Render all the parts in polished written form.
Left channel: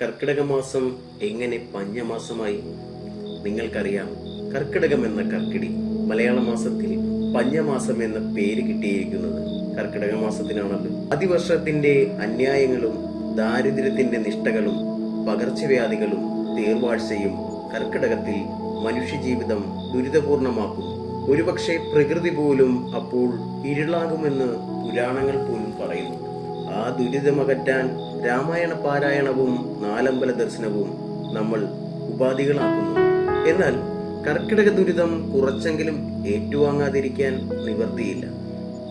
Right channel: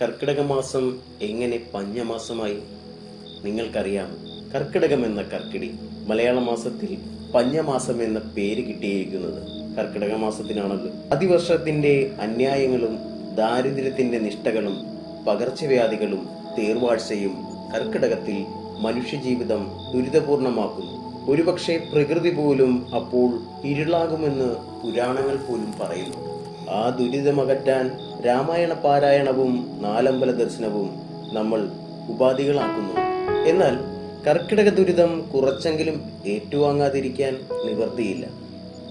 കർക്കിടക മാസം എങ്ങനെ പഞ്ഞമാസമായി? നിങ്ങൾക്കറിയാം, കർക്കിടകം എന്ന കർക്കിടി മലയാള മാസത്തിൽ പഞ്ഞമാസം എന്ന പേര് കിട്ടിയിരിക്കുന്നത് കർക്കിടക മാസത്തിനാണല്ലോ. അതിവർഷത്തിന്റെ അന്യായങ്ങളും ദാരിദ്ര്യത്തിന്റെ നിഷ്ഠകളും പകർച്ചവ്യാധികളും തേർവാഴ്ചയും കർക്കിടകത്തിൽ മനുഷ്യജീവിതം ദുരിതപൂർണമാക്കുന്നു. ഒരുപക്ഷെ പ്രകൃതി പോലും അപ്പോൾ ഇരുളാകുമെന്ന് പുരാണങ്ങൾ പോലും പറയുന്നു. ആ ദുരിതമകറ്റാൻ രാമായണ പാരായണവും നാലമ്പല ദർശനവും നമ്മൾ ഉപാധികളാക്കുന്നു. എന്നാൽ കർക്കിടക ദുരിതം കുറച്ചെങ്കിലും ഏറ്റുവാങ്ങാതിരിക്കാൻ നിവർത്തിയില്ല.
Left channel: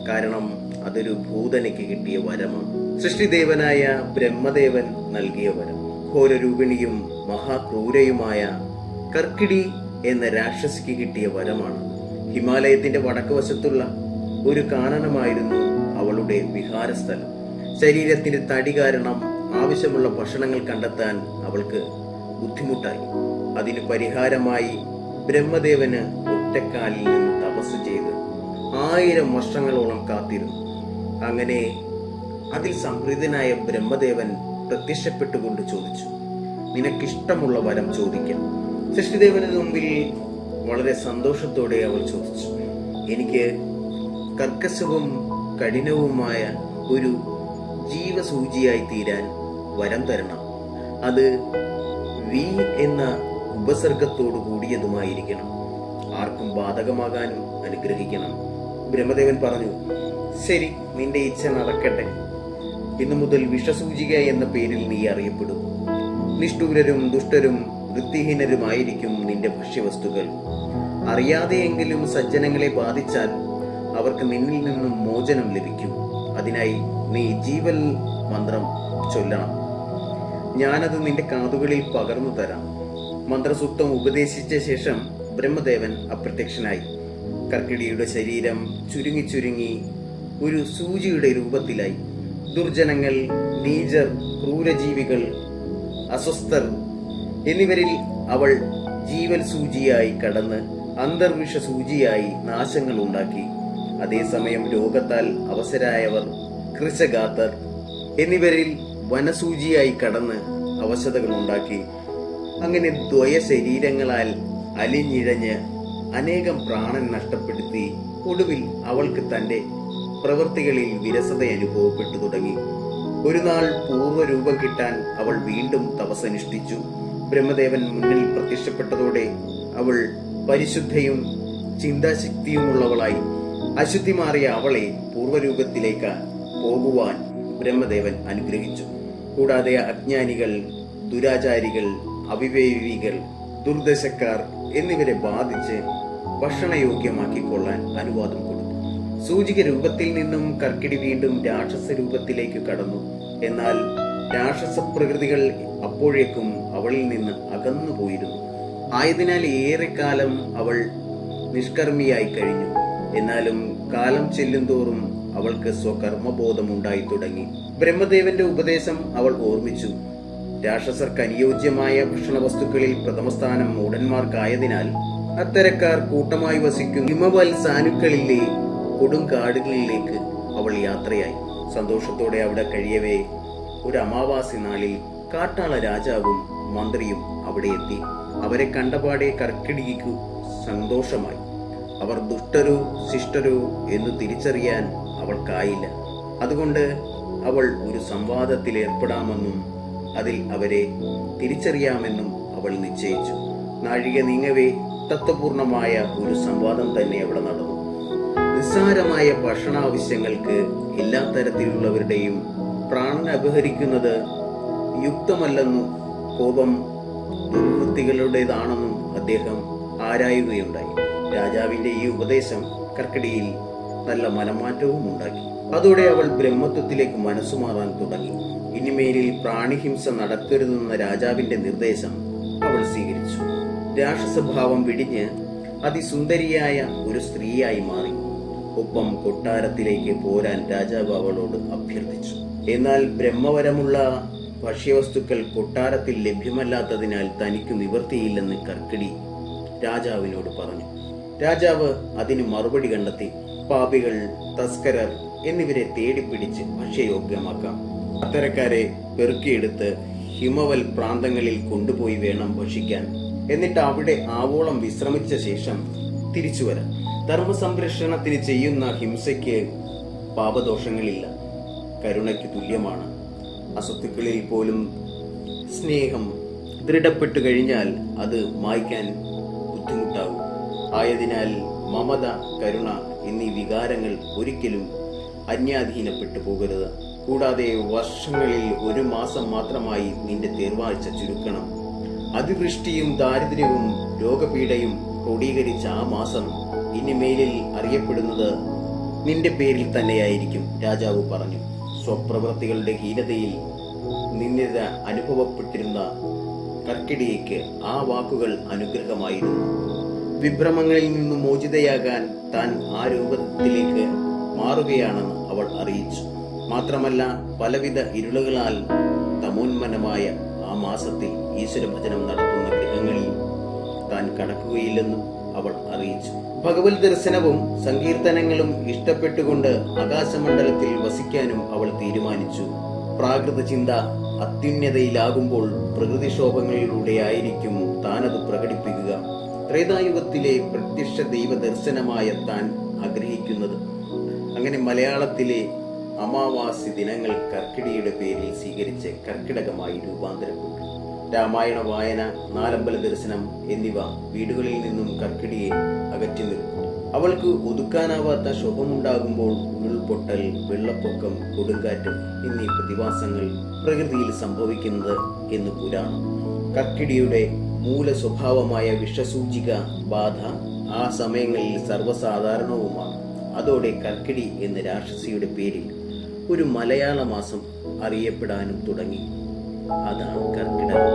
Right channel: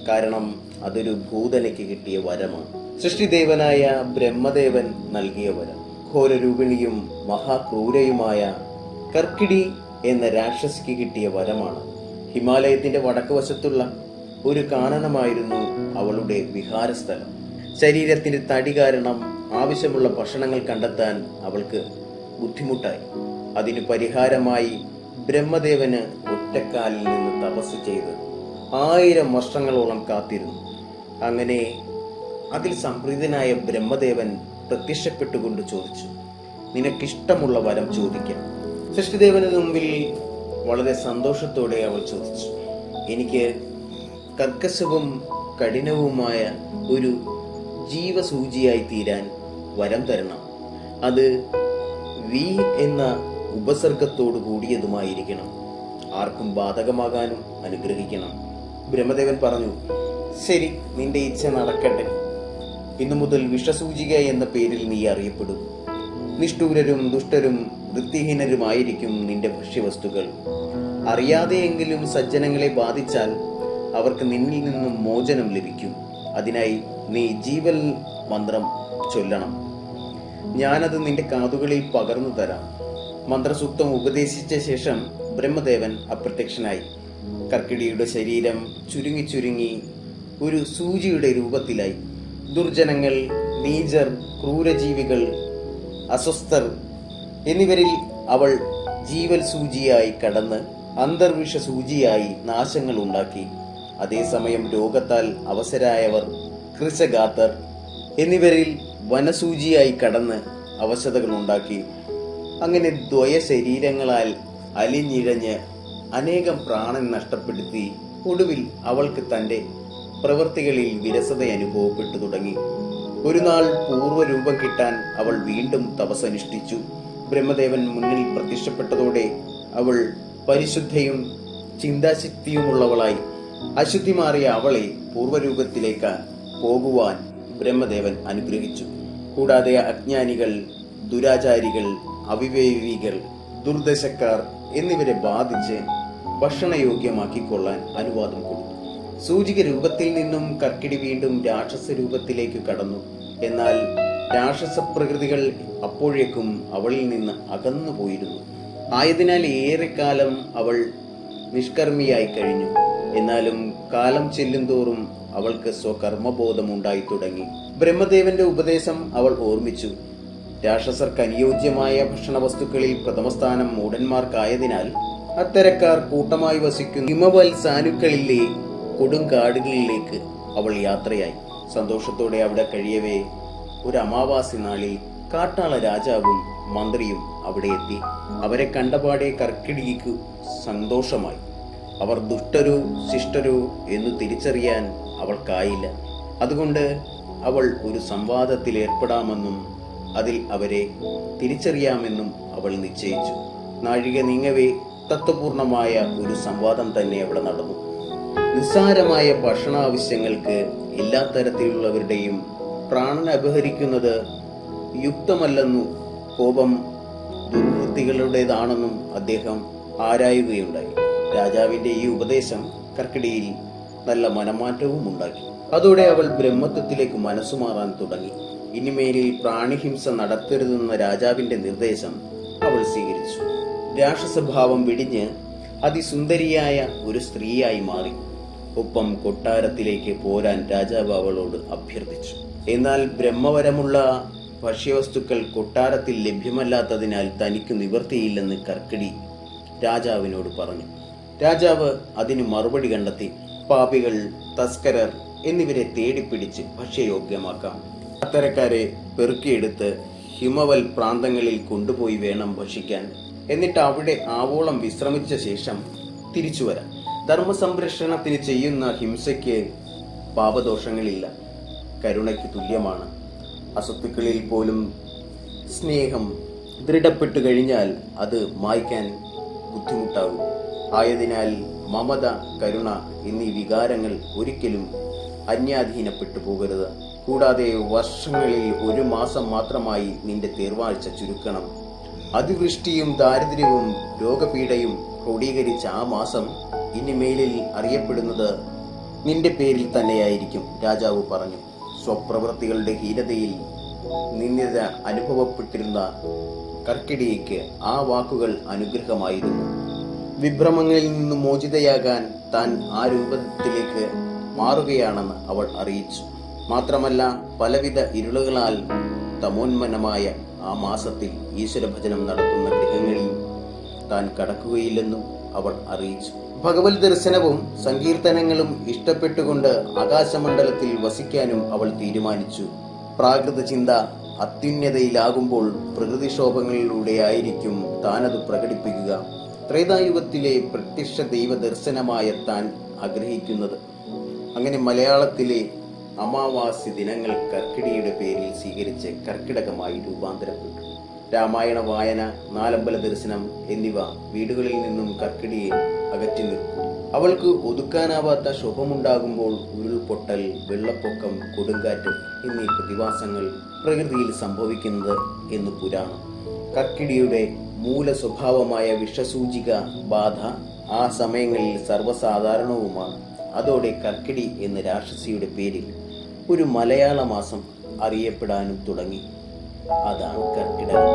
കാരണം അതൊരു ഭൂതനയ്ക്ക് കിട്ടിയ വരമാണ്. സൃഷ്ടിദേവനായ ബ്രഹ്മദേവൻ നൽകിയ വരം. ഘോരരൂപിണിയും മഹാക്രൂരയുമായ കർക്കിടി എന്ന രാക്ഷസിക്ക് കിട്ടിയ വരമാണ്. ഹിമാലയത്തിന്റെ വടക്ക് വശത്തുള്ള ഒരു കാനനമായിരുന്നു അവളുടെ വിഹാരസ്ഥലം. ശരീരത്തിന്റെ തടി കാരണം ആവശ്യമുള്ള ഭക്ഷണങ്ങൾ കണ്ടെത്താൻ അവൾക്ക് ബുദ്ധിമുട്ടായി. അതിനു പരിഹാരമായി ബ്രഹ്മദേവന് ഒറ്റക്കാലിൽ നിന്ന് തപസ് ചെയ്ത് 1000 വർഷങ്ങളോളം കാത്തിരുന്നു. അങ്ങനെ അതിൽ സംപ്രീതനായ ബ്രഹ്മദേവൻ പ്രത്യക്ഷപ്പെട്ടുകൊണ്ട് ചോദിച്ചു, നിനക്കിഷ്ടമുള്ള വരം ചോദിക്കാം. സൃഷ്ടിദേവന് മുമ്പിൽ വളരെ സന്തോഷത്തോടെ അവൾ ചോദിച്ചു, എനിക്ക് കർക്കശവും കഠിനവുമായ ഒരു ജീവസൂചിയായി തീരാൻ വരം തരണം. അത് വി എന്ന ഉപസർഗത്തോടു കൂടിയതുമായിരിക്കണം. ആർക്കും ബാധകമാകാനും അനുഗ്രഹിക്കണം. ബ്രഹ്മദേവൻ പറഞ്ഞു, ശരി, നിന്റെ ഇച്ഛ നടക്കട്ടെ. ഇന്നു മുതൽ വിഷസൂചിക എന്ന പേരിൽ നീ അറിയപ്പെടും. നിഷ്ഠൂരരും ദുഷ്ടരും വൃത്തിഹീനരുമായിരിക്കും നിന്റെ ഭക്ഷ്യവസ്തുക്കൾ. അറിയാതെയെങ്കിലും സജ്ജനങ്ങളെ ബാധിച്ചാൽ അവർക്ക് നിന്നിൽ നിന്നും മോചനം ലഭിക്കും. അതിനായി നീ ജീവൽ മന്ത്രം ചൊല്ലണം. ഞാനത് നിന്റെ കാതുകളിൽ പകർന്നു തരാം. മന്ത്രസൂക്തം ഉപദേശിച്ച ശേഷം ബ്രഹ്മദേവൻ അപ്രത്യക്ഷനായി. കർക്കിടിയുടെ ശരീരം ചുരുങ്ങി ചുരുങ്ങി ഒരു സൂചിയുടെ രൂപത്തിലായി. ദുർജനങ്ങൾ, നീചർ, ക്രൂരജീവികൾ, അസ്വസ്ഥർ എന്നിവരിൽ അവൾ ജീവൽ സൂചിയായി കടന്ന് അന്തർവിഷ സൂചിയായി നാശങ്ങൾ ഉണ്ടാക്കി. അതേസമയം രോഗത്താൽ അവശരായവർ, കൃശഗാത്തർ എന്നിവരിൽ വനസൂചിയായി കടന്ന് അവശതകൾ ഉണ്ടാക്കി. അങ്ങനെ ദ്വയ ശരീരങ്ങളാൽ അലിഞ്ഞിഴഞ്ഞ് അനേകം പ്രാണൻ നഷ്ടപ്പെടുത്തി ഒടുവിൽ അവൾക്ക് തന്റെ പ്രവൃത്തികളിൽ വിരസത അനുഭവപ്പെട്ടു തുടങ്ങി. ഒരു നാൾ പൂർവ്വരൂപം കിട്ടാൻ അവൾ വീണ്ടും തപസ്സനുഷ്ഠിച്ചു. ബ്രഹ്മദേവൻ മുന്നിൽ പ്രത്യക്ഷപ്പെട്ടതോടെ അവൾ പരിശുദ്ധയും ചിന്താശക്തിയുമുള്ളവളായി. അശുദ്ധി മാറിയ അവളെ പൂർവ്വരൂപത്തിലേക്ക് പോകുവാൻ ബ്രഹ്മദേവൻ അനുഗ്രഹിച്ചു. കൂടാതെ അജ്ഞാനികൾ, ദുരാചാരികൾ, അവിവേകികൾ, ദുർദശക്കാർ എന്നിവരെ ബാധിച്ച് ഭക്ഷണയോഗ്യമാക്കിക്കൊള്ളാൻ അനുവാദം കൊടുത്തു. സൂചിക രൂപത്തിൽ നിന്നും കർക്കിടി വീണ്ടും രാക്ഷസ രൂപത്തിലേക്ക് കടന്നു. എന്നാൽ രാക്ഷസ പ്രകൃതികൾ അപ്പോഴേക്കും അവളിൽ നിന്ന് അകന്നുപോയിരുന്നു. ആയതിനാൽ ഏറെക്കാലം അവൾ നിഷ്കർമ്മിയായി കഴിഞ്ഞു. എന്നാലും കാലം ചെല്ലുന്തോറും അവൾക്ക് സ്വകർമ്മബോധം ഉണ്ടായി തുടങ്ങി. ബ്രഹ്മദേവന്റെ ഉപദേശം അവൾ ഓർമ്മിച്ചു. രാക്ഷസർക്ക് അനുയോജ്യമായ ഭക്ഷണവസ്തുക്കളിൽ പ്രഥമസ്ഥാനം മൂഢന്മാർക്കായതിനാൽ അത്തരക്കാർ കൂട്ടമായി വസിക്കുന്ന ഹിമവൽ സാനുക്കളിലെ കൊടുങ്കാടുകളിലേക്ക് അവൾ യാത്രയായി. സന്തോഷത്തോടെ അവിടെ കഴിയവേ ഒരു അമാവാസി നാളിൽ കാട്ടാള രാജാവും മന്ത്രിയും അവിടെ എത്തി. അവരെ കണ്ടപാടെ കർക്കിടികയ്ക്കു സന്തോഷമായി. അവർ ദുഷ്ടരോ ശിഷ്ടരോ എന്നു തിരിച്ചറിയാൻ അവൾക്കായില്ല. അതുകൊണ്ട് അവൾ ഒരു സംവാദത്തിൽ ഏർപ്പെടാമെന്നും അതിൽ അവരെ തിരിച്ചറിയാമെന്നും അവൾ നിശ്ചയിച്ചു. നാഴിക നീങ്ങവേ തത്വപൂർണമായ ഒരു സംവാദം തന്നെ അവിടെ നടന്നു. നിസ്സാരമായ ഭക്ഷണാവശ്യങ്ങൾക്ക് എല്ലാ തരത്തിലുള്ളവരുടെയും പ്രാണൻ അപഹരിക്കുന്നത് യുക്തമല്ലെന്നും കോപം ദുർവൃത്തികളുടേതാണെന്നും അദ്ദേഹം ആരായുകയുണ്ടായി. രാജാവിന്റെ ഈ ഉപദേശം കർക്കിടിയിൽ നല്ല മനമാറ്റവും ഉണ്ടാക്കി. അതോടെ അവൾ ബ്രഹ്മത്വത്തിലേക്ക് മനസ്സുമാറാൻ തുടങ്ങി. ഇനിമേലിൽ പ്രാണിഹിംസ നടത്തരുതെന്ന രാജാവിന്റെ നിർദ്ദേശം അവൾ സ്വീകരിച്ചു. രാക്ഷസഭാവം വിടിഞ്ഞ് അതിസുന്ദരിയായ ഒരു സ്ത്രീയായി മാറി. ഒപ്പം കൊട്ടാരത്തിലേക്ക് പോരാൻ രാജാവ് അവളോട് അഭ്യർത്ഥിച്ചു. എന്നാൽ ബ്രഹ്മവരമുള്ള ഭക്ഷ്യവസ്തുക്കൾ കൊട്ടാരത്തിൽ ലഭ്യമല്ലാത്തതിനാൽ തനിക്ക് നിവർത്തിയില്ലെന്ന് കർക്കിടി രാജാവിനോട് പറഞ്ഞു. രാജാവ് അതിന് മറുപടി കണ്ടെത്തി. പാപികൾ, തസ്കരർ എന്നിവരെ തേടിപ്പിടിച്ച് ഭക്ഷ്യയോഗ്യമാക്കാം. അത്തരക്കാരെ പെറുക്കിയെടുത്ത് ഹിമവൽ പ്രാന്തങ്ങളിൽ കൊണ്ടുപോയി വേണം ഭക്ഷിക്കാൻ. എന്നിട്ട് അവിടെ ആവോളം വിശ്രമിച്ച ശേഷം തിരിച്ചു വരാം. ധർമ്മസംരക്ഷണത്തിന് ചെയ്യുന്ന ഹിംസയ്ക്ക് പാപദോഷങ്ങളില്ല, കരുണയ്ക്ക് തുല്യമാണ്. അസത്തുക്കളിൽ പോലും സ്നേഹം ദൃഢപ്പെട്ടു കഴിഞ്ഞാൽ അത് മായ്ക്കാൻ ബുദ്ധിമുട്ടാകും. ആയതിനാൽ മമത, കരുണ എന്നീ വികാരങ്ങൾ ഒരിക്കലും അന്യാധീനപ്പെട്ടു പോകരുത്. കൂടാതെ വർഷങ്ങളിൽ 1 മാസം മാത്രമായി നിന്റെ തേർവാഴ്ച ചുരുക്കണം. അതിവൃഷ്ടിയും ദാരിദ്ര്യവും രോഗപീഠയും ക്രോഡീകരിച്ച ആ മാസം ഇനിമേലിൽ അറിയപ്പെടുന്നത് നിന്റെ പേരിൽ തന്നെയായിരിക്കും, രാജാവ് പറഞ്ഞു. സ്വപ്രവൃത്തികളുടെ ഹീനതയിൽ നിന്ദിത അനുഭവപ്പെട്ടിരുന്ന കർക്കിടയ്ക്ക് ആ വാക്കുകൾ അനുഗ്രഹമായിരുന്നു. വിഭ്രമങ്ങളിൽ നിന്ന് മോചിതയാകാൻ താൻ ആ രൂപത്തിലേക്ക് മാറുകയാണെന്ന് അവൾ അറിയിച്ചു. മാത്രമല്ല, പലവിധ ഇരുളുകളാൽ തമോന്മനമായ ആ മാസത്തിൽ ഈശ്വരഭജനം നടത്തുന്ന ഗൃഹങ്ങളിൽ താൻ കടക്കുകയില്ലെന്നും അവൾ അറിയിച്ചു. ഭഗവത് ദർശനവും സങ്കീർത്തനങ്ങളും ഇഷ്ടപ്പെട്ടുകൊണ്ട് ആകാശമണ്ഡലത്തിൽ വസിക്കാനും അവൾ തീരുമാനിച്ചു. പ്രാകൃത ചിന്ത അത്യുന്നതയിലാകുമ്പോൾ പ്രകൃതിക്ഷോഭങ്ങളിലൂടെയായിരിക്കും താനത് പ്രകടിപ്പിക്കുക. ത്രേതായുഗത്തിലെ പ്രത്യക്ഷ ദൈവ ദർശനമായ താൻ ആഗ്രഹിക്കുന്നത്. അങ്ങനെ മലയാളത്തിലെ അമാവാസി ദിനങ്ങൾ കർക്കിടയുടെ പേരിൽ സ്വീകരിച്ച് കർക്കിടകമായി രൂപാന്തരപ്പെട്ടു. രാമായണ വായന, നാലമ്പല ദർശനം എന്നിവ വീടുകളിൽ നിന്നും കർക്കിടയെ അകറ്റി നിർത്തും. അവൾക്ക് ഒതുക്കാനാവാത്ത ശോഭമുണ്ടാകുമ്പോൾ ഉരുൾപൊട്ടൽ, വെള്ളപ്പൊക്കം, കൊടുങ്കാറ്റ് എന്നീ പ്രതിഭാസങ്ങൾ പ്രകൃതിയിൽ സംഭവിക്കുന്നത് എന്ന് പുരാണം. കർക്കിടയുടെ മൂല സ്വഭാവമായ വിഷസൂചിക ബാധ ആ സമയങ്ങളിൽ സർവ്വസാധാരണവുമാണ്. അതോടെ കർക്കിടി എന്ന രാക്ഷസിയുടെ പേരിൽ ഒരു മലയാള മാസം അറിയപ്പെടാനും തുടങ്ങി. അതാണ് കർക്കിടകം.